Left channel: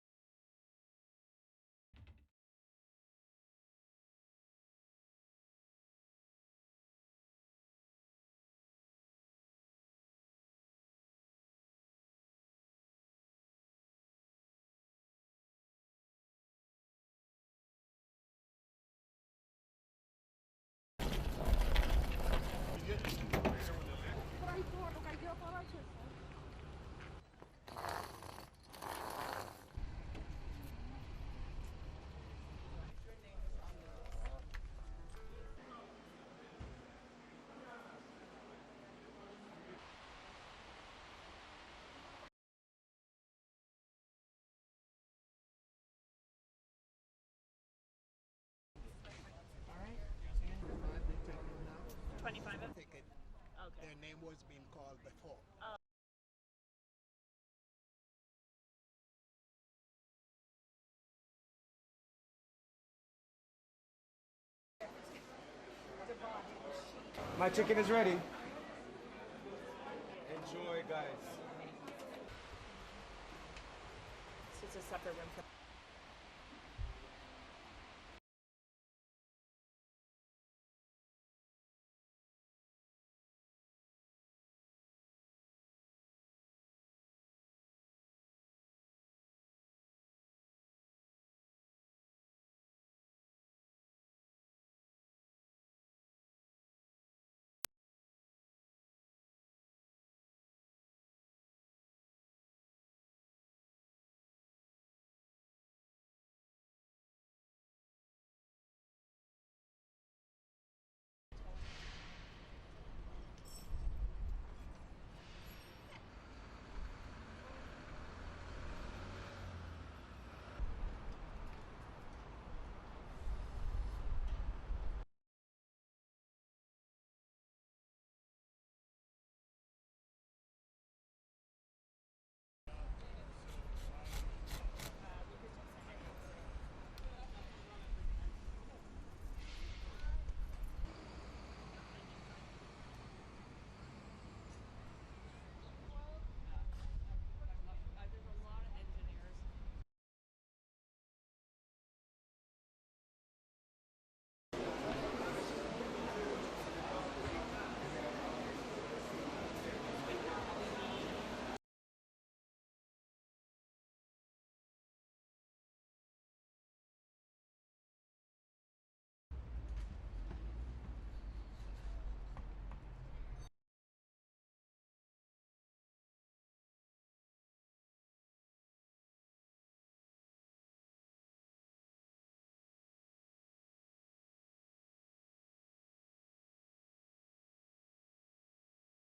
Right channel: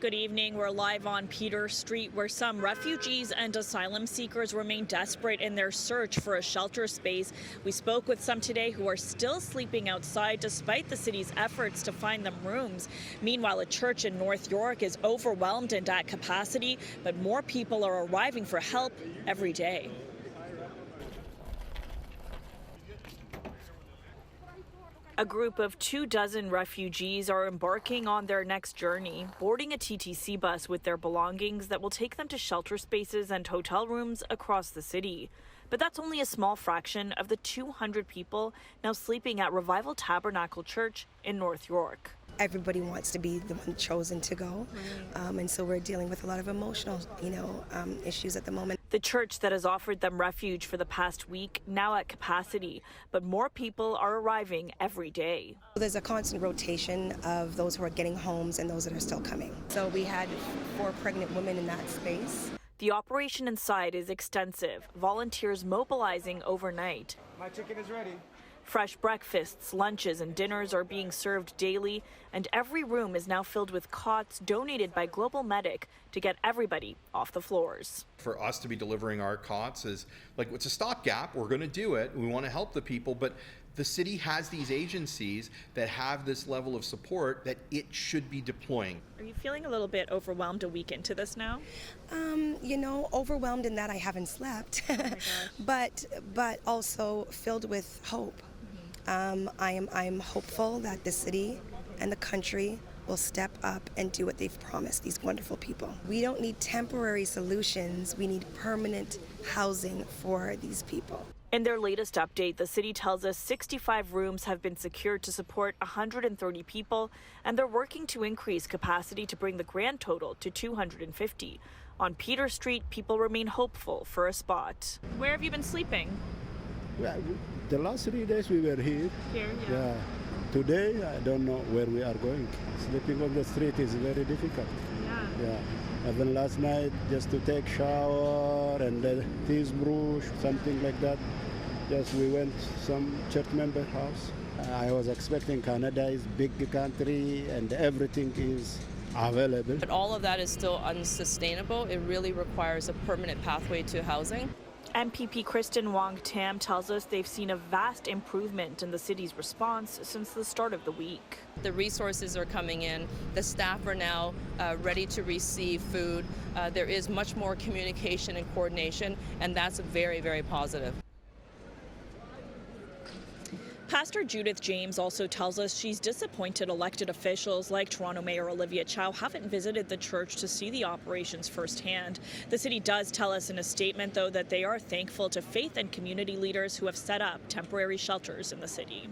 Good evening. We're live on Peter Street, where some refugees and asylum seekers remain desperate in their search for a shelter space. We spoke with some today who are still sleeping outside despite the city's efforts to find them rooms. Meanwhile, a church in North York is overwhelmed and at capacity, but more people are arriving for help every day. A group of 24 refugees are embarking on their next journey, boarding a TTC bus with their belongings that will take them to shelter spaces and hotel rooms across the city. But that's only a small fraction of the 200 people now sleeping at Revival Tabernacle Church in North York. Everybody wants to be the one chosen to go, and so we're dealing with a lot of emotional, issues at the moment. The church that has offered them refuge for the past week now at capacity, but more people are arriving every day. There's a constant rotation of those who are getting homes and those that are still coming. So we had 4 pregnant women in that space. The operation inside is extensive, volunteers mobilizing overnight. My chicken is ready. Fresh breakfasts, lunches, and dinners are being served daily, and every room is now filled with cots donated by Global Medic to get everybody off the floors. For us to be delivering our cots is like, it's a stopgap. We're going to do it. We want to help the people, but the city has these agencies that have this level of support that it should be deploying. Are you feeling a little bit overwhelmed a week into this now? Overwhelmed in that I haven't slept, but also filled with hope. I'm hopeful that the city and the country will step up and do what they've promised these wonderful people. We don't need temporary solutions. We need permanent housing for these people. In their latest update, the city tells us 65 rooms have been secured to support 130 people, and they're working to increase capacity to bring the grand total to 250. On Peter Street, people remain hopeful for a spot. Where have you been sleeping? Well, the last 3 days we were here. Here, yeah. Today, I don't know where we are going. Sleeping on the street is very difficult. Yeah. Even last night, just to take shower and then toothbrush, something like that. Just we went some church member house. I was expecting Canada is big country and everything is available. But all of that is still unsustainable. It really requires a permanent pathway to housing. MPP Kristen Wong-Tam tells us they've seen a vast improvement in the city's response since the start of the week. The resources are coming in. The staff are now ready to receive food. There is much more communication and coordination, and that's very, very positive. Pastor Judith James also tells us she's disappointed elected officials like Toronto Mayor Olivia Chow haven't visited the church to see the operations firsthand. The city does tell us in a statement, though, that they are thankful to faith and community leaders who have set up temporary shelters in the city.